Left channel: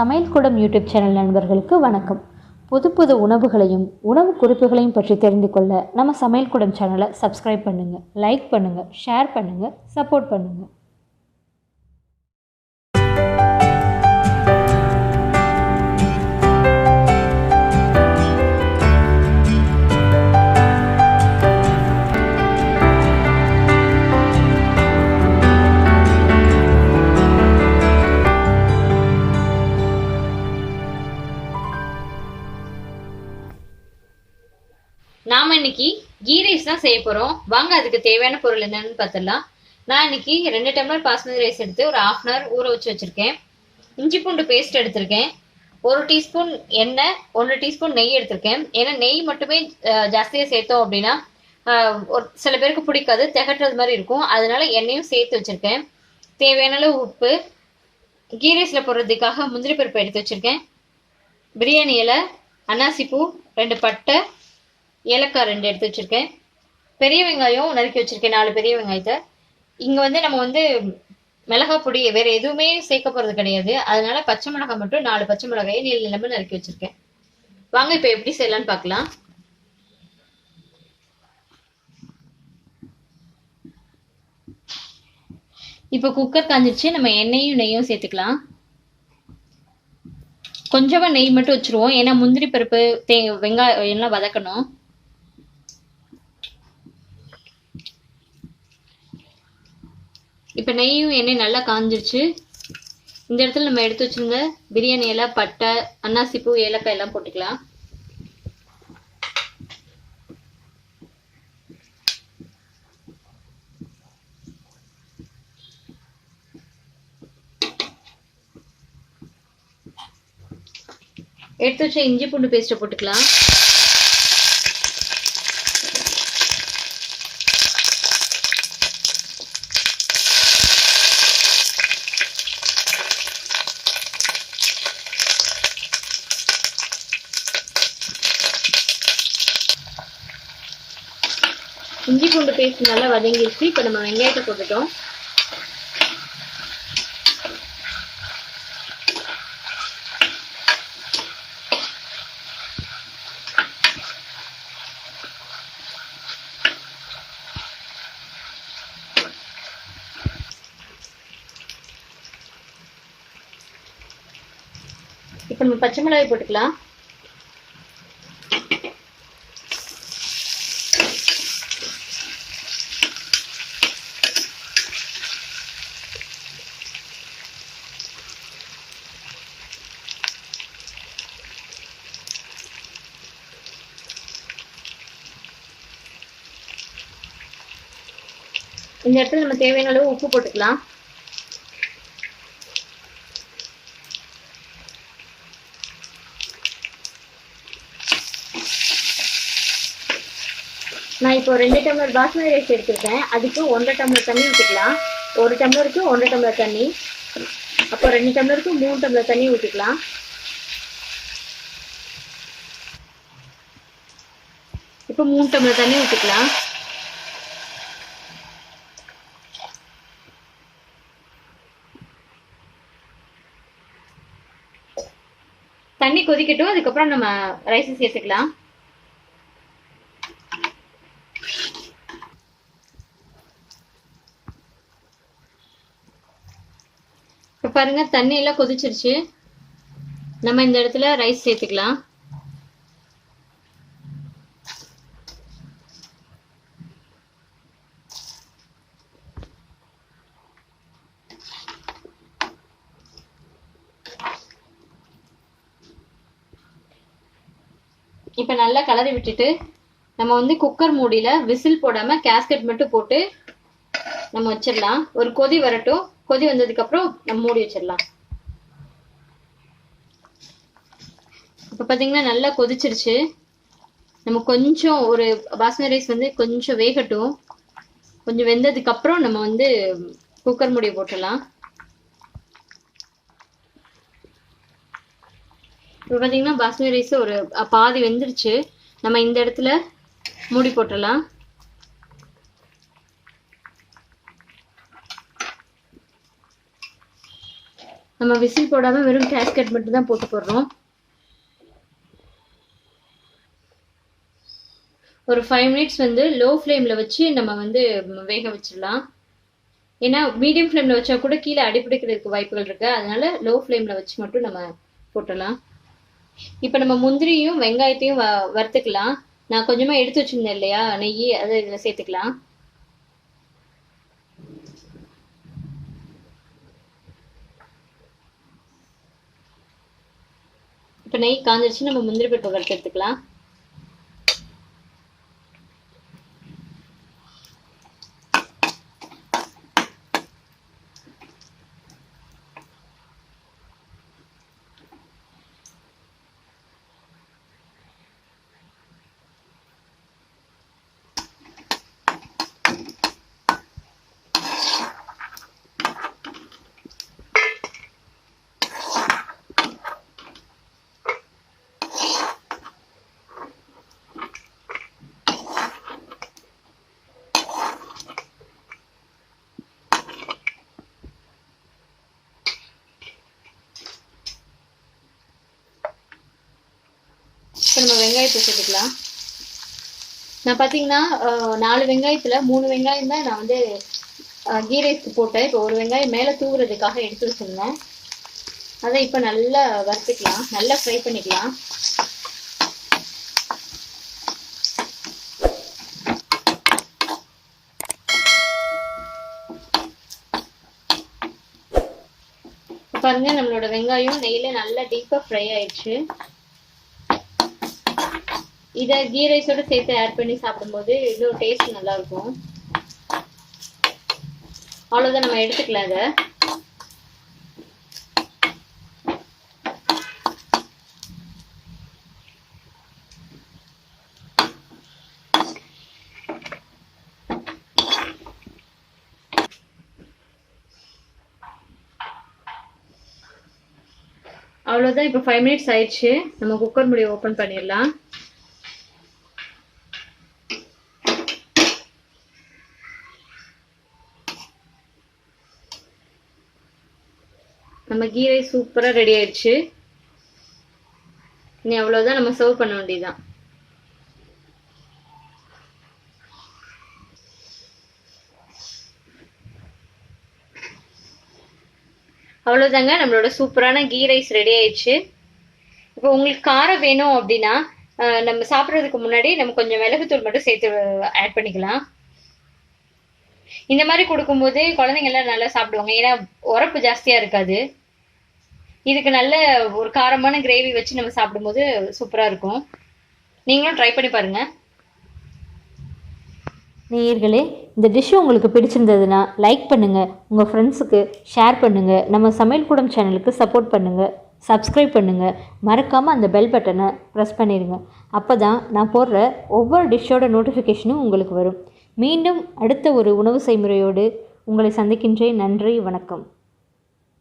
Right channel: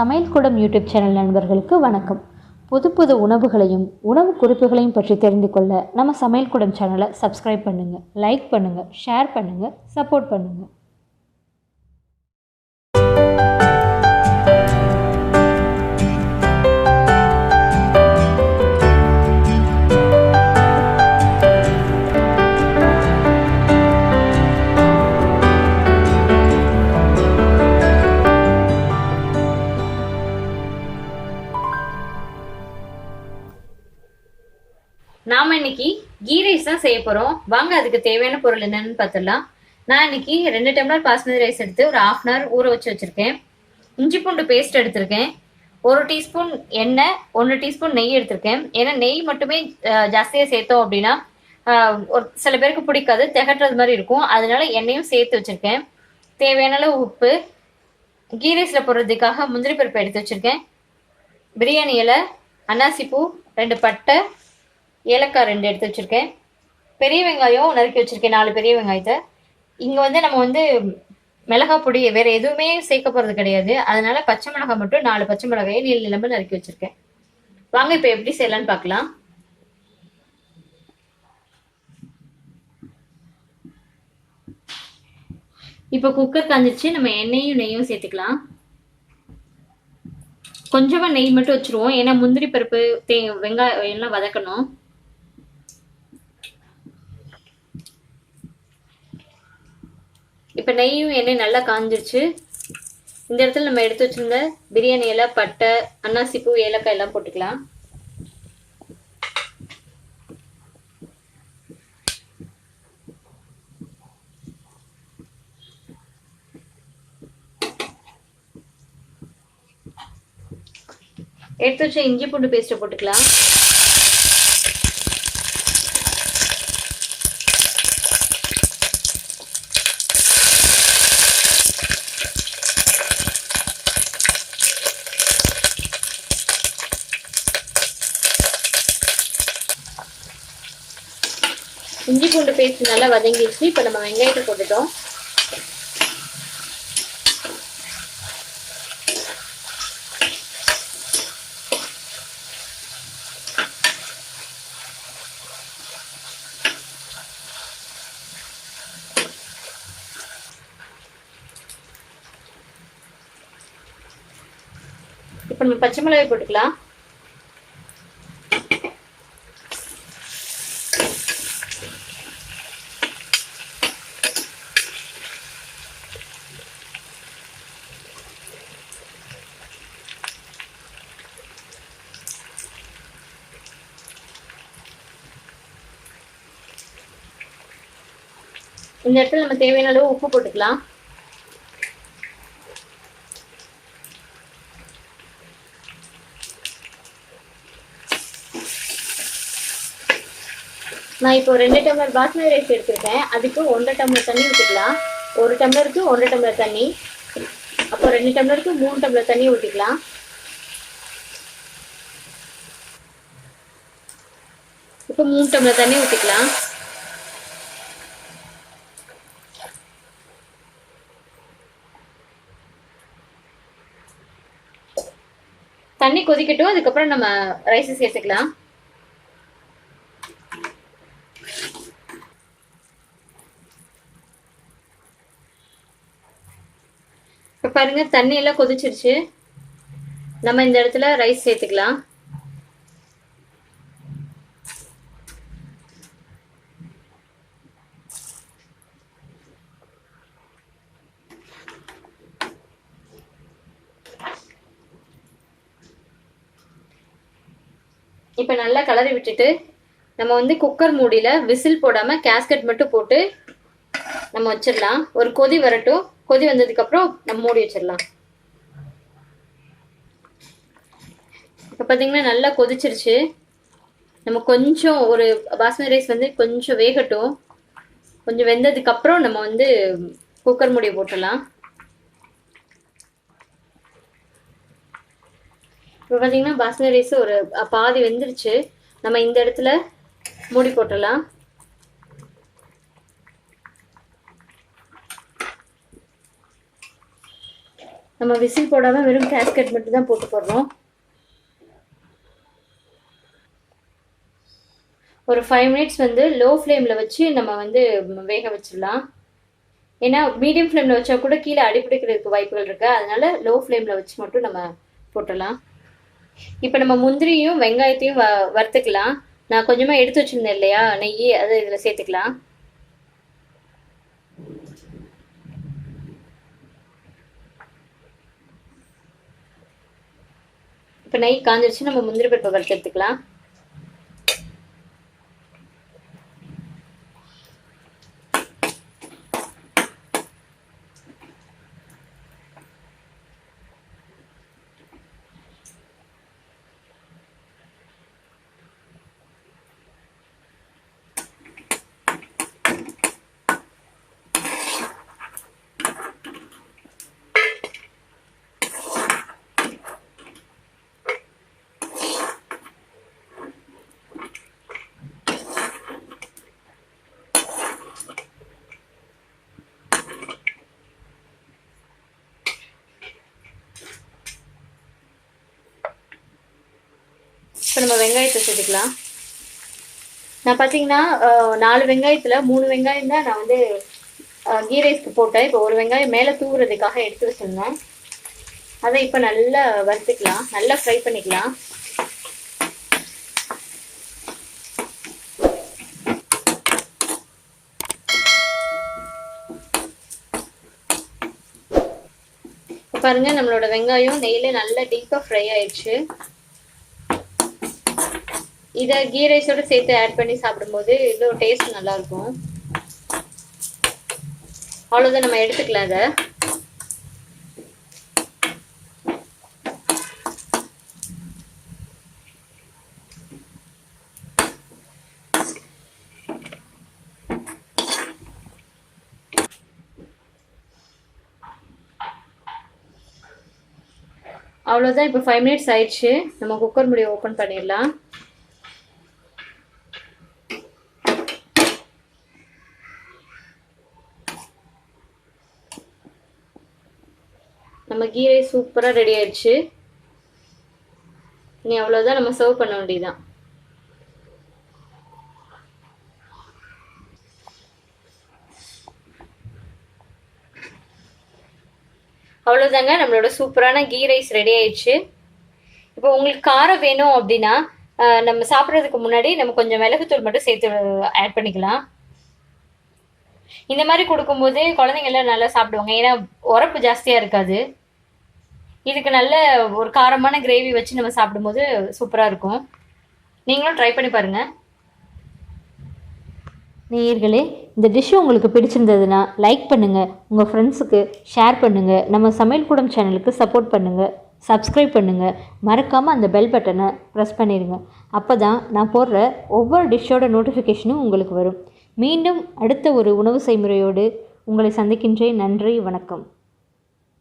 சமையல் கூடம் YouTube channel நண்பர்களுக்கு வணக்கம். புது புது உணவுகளையும் உணவு குறிப்புகளையும் பற்றி தெரிந்து கொள்ள நம்ம சமையல் கூடம் சேனலை சப்ஸ்கிரைப் பண்ணுங்கள், லைக் பண்ணுங்கள், ஷேர் பண்ணுங்கள், சப்போர்ட் பண்ணுங்கள். நாம இன்னைக்கு கீ ரைஸ் தான் செய்ய போறோம். வாங்க அதுக்கு தேவையான பொருள் என்னன்னு பார்த்துடலாம். நான் இன்னைக்கு 2 டம்ளர் பாஸ்மதி ரைஸ் எடுத்து ஒரு 1/2 hour ஊற வச்சிருக்கேன். இஞ்சி பூண்டு பேஸ்ட் எடுத்திருக்கேன். 1 டீஸ்பூன் எண்ணெய், 1 டீஸ்பூன் நெய் எடுத்திருக்கேன். ஏன்னா நெய் மட்டுமே ஜாஸ்தியா சேர்த்தோம் அப்படின்னா ஒரு சில பேருக்கு பிடிக்காது, திகட்டுறது மாதிரி இருக்கும். அதனால எண்ணெயும் சேர்த்து வச்சிருக்கேன். தேவையான அளவு உப்பு, கீ ரைஸ்ல போடுறதுக்காக முந்திரி பருப்பு எடுத்து வச்சிருக்கேன், பிரியாணி இலை, அன்னாசி பூ, 2 பட்டை, ஏலக்காய் 2 எடுத்து வச்சிருக்கேன், பெரிய வெங்காயம் நறுக்கி வச்சிருக்கேன், 4 பெரிய வெங்காயத்தை. இங்க நம்ம மிளகாய் பொடி வேற எதுவுமே சேர்க்க போறது கிடையாது. அதனால பச்சை மிளகாய் மட்டும் 4 பச்சை மிளகாயை நீள நிலம்பு நறுக்கி வச்சிருக்கேன். வாங்க இப்ப எப்படி செய்யலாம்னு பார்க்கலாம். இப்ப குக்கர் காஞ்சிருச்சு. நம்ம எண்ணெயும் நெய்யும் சேர்த்துக்கலாம். கொஞ்சமா நெய் மட்டும் வச்சிருவோம், ஏன்னா முந்திரி பருப்பு வெங்காயம் எல்லாம் வதக்கணும். இப்போ நெய்யும் எண்ணெய் நல்லா காஞ்சிருச்சு. இந்த இடத்துல நம்ம எடுத்து வச்சிருந்த பிரியாணி இலை, பட்டை, அன்னாசி பூ, ஏலக்காய் எல்லாம் போட்டுக்கலாம். எடுத்து வச்ச இஞ்சி பூண்டு பேஸ்ட்டை போட்டுக்கலாம். இஞ்சி பூண்டு பேஸ்ட் நல்லா வதங்கிடுச்சு. இப்போ நம்ம வெங்காயத்தை போட்டுட்டோம். இப்போ நம்ம பச்சை மிளகாய் போட்டுக்கலாம். இந்த இடத்துல நம்ம தேவையான அளவு உப்பு போட்டுக்கலாம். நான் இப்போ 2 டம்ளர் பாஸ்மதி ரைஸ் எடுத்திருக்கேன். அதுக்கு 1.5 டம்ளர் தண்ணி ஊற்றிக்கலாம். 1 டம்ளருக்கு 1 டம்ளர் தண்ணி, அப்போ 2 டம்ளருக்கு 3 டம்ளர் தண்ணி ஊற்றிக்கலாம். இப்போ 3 டம்ளர் தண்ணி ஊற்றிக்கலாம். தண்ணி கொதிக்கட்டும், அதுக்கப்புறம் நம்ம ரைஸ் சேர்த்துக்கலாம். இப்போ பாருங்க, தண்ணி எல்லாம் கொதிச்சிருச்சு. நம்ம இந்த இடத்துல ரைஸ் சேர்த்துக்கலாம். இப்போ நல்லா கலரி விட்டுட்டு நம்ம குக்கர் மூடியில விசில் போடாம கேஸ்கட் மட்டும் போட்டு நம்ம வச்சிடலாம். ஒரு கொதி வரட்டும். கொதி வந்ததுக்கு அப்புறம் நம்ம மூடி வச்சிடலாம். இப்போ பார்த்தீங்கன்னா நல்லா கொதிச்சிருச்சு. நம்ம கொஞ்சம் ஒரு பாஸ்மதி ரைஸ் கொஞ்சம் வேகட்டும். கொஞ்சம் வெந்ததுக்கு அப்புறம் நம்ம குக்கர் மூடியை போட்டுடலாம். இப்போ பார்த்தீங்கன்னா பாஸ்மதி ரைஸ் ஒரு பாதி வெந்துருச்சு. நம்ம இந்த இடத்துல மூடி போட்டுடலாம். நம்ம விசில் போடாமல் வெறும் கேஸ்கட் மட்டும் தான் போட்டு போடுறோம். ஒரு 5 மினிட்ஸ் வந்து லோ ஃப்ளேமில் வச்சு நம்ம வந்து வேக வச்சிடலாம். ஏன்னா மீடியம் ஃப்ளேமில் வச்சா கூட கீழே அடிப்பிடிக்கிறதுக்கு வாய்ப்புகள் இருக்குது. அதனால லோ ஃப்ளேமில் வச்சு மட்டும் நம்ம போட்டுடலாம். இப்போ நம்ம முந்திரியும் வெங்காயத்தையும் வறுத்துக்கலாம். நான் கொஞ்சமாக எடுத்து வச்சுருந்தேன் இல்லையா நெய், அதை இதில் சேர்த்துக்கலாம். இப்போ நெய் காஞ்சிருச்சு, நம்ம முந்திரி பருப்பை வறுத்து எடுத்துக்கலாம். இப்போ நம்ம வெங்காயத்தை சேர்த்துக்கலாம். நான் பார்த்தீங்கன்னா 4 வெங்காயத்தில் 3 வெங்காயம் தான் நான் வந்து கீ ரைஸ்க்கு போட்டேன். இப்போ ஒரு வெங்காயம் மேலே தூவுறதுக்காக எடுத்து வச்சுருந்தேன். அதை இப்போ நல்லா வறுத்துக்கலாம், நல்லா ஃப்ரை பண்ணிக்கலாம். பாருங்க, நம்மளோட வெங்காயம் நெய்யில் நல்லா டீப்பாக ஃப்ரை ஆயிடுச்சு. இதை கீ ரைஸோட சேர்த்து ஆட் பண்ணி சாப்பிடும்போது இன்னும் டேஸ்ட் நல்லா இருக்கும். அவ்வளோதான், நம்ம எடுத்துக்கலாம் இதை. அவ்வளோதான், இப்போ 5 மினிட்ஸ் ஆயிடுச்சு. நம்ம குக்கர் மூடியை ஓப்பன் பண்ணிடலாம். நம்ம கீ ரைஸ் சூப்பராக ரெடி ஆயிடுச்சு. இனி அவ்வளோதான், நம்ம சர்வ் பண்ண வேண்டியதுதான். அவ்வளோதாங்க, நம்மளோட சூப்பரான கீ ரைஸ் ரெடி ஆயிடுச்சு. இப்போ உங்களுக்கு காரம் வேணும் அப்படின்னா நம்ம சாப்பிட்றதுக்கு முன்னாடி நம்ம கொஞ்சம் மிளகுத்தூள் மட்டும் சேர்த்து ஆட் பண்ணிக்கலாம். இந்த மாதிரி கொடுக்கும்போது குழந்தைங்கள்லாம் நல்லா சாப்பிடுவாங்க. ஏன்னா உரப்பு ஜாஸ்தியாக இருக்காது. இதுக்கு நல்ல ஒரு காரமான கிரேவி வச்சு நம்ம சாப்பிடும்போது சூப்பராக இருக்கும். நீங்களும் ட்ரை பண்ணி பாருங்கள். நேயர்களே, இந்த டிஷ்ஷு உங்களுக்கு பிடிச்சிருந்ததுன்னா லைக் பண்ணுங்கள், உங்கள் ஃப்ரெண்ட்ஸுக்கு ஷேர் பண்ணுங்கள், நம்ம சமையல் கூடம் சேனலுக்கு சப்போர்ட் பண்ணுங்கள், சப்ஸ்கிரைப் பண்ணுங்கள், மறக்காமல் அந்த பெல் பட்டனை ப்ரெஸ் பண்ணிடுங்க. அப்போ தான் நான் போடுற ஒவ்வொரு டிஷ்ஷோட நோட்டிஃபிகேஷனும் உங்களுக்கு வரும். மீண்டும் அடுத்த ஒரு உணவு செய்முறையோடு உங்களை சந்திக்கின்றேன். நன்றி, வணக்கம்.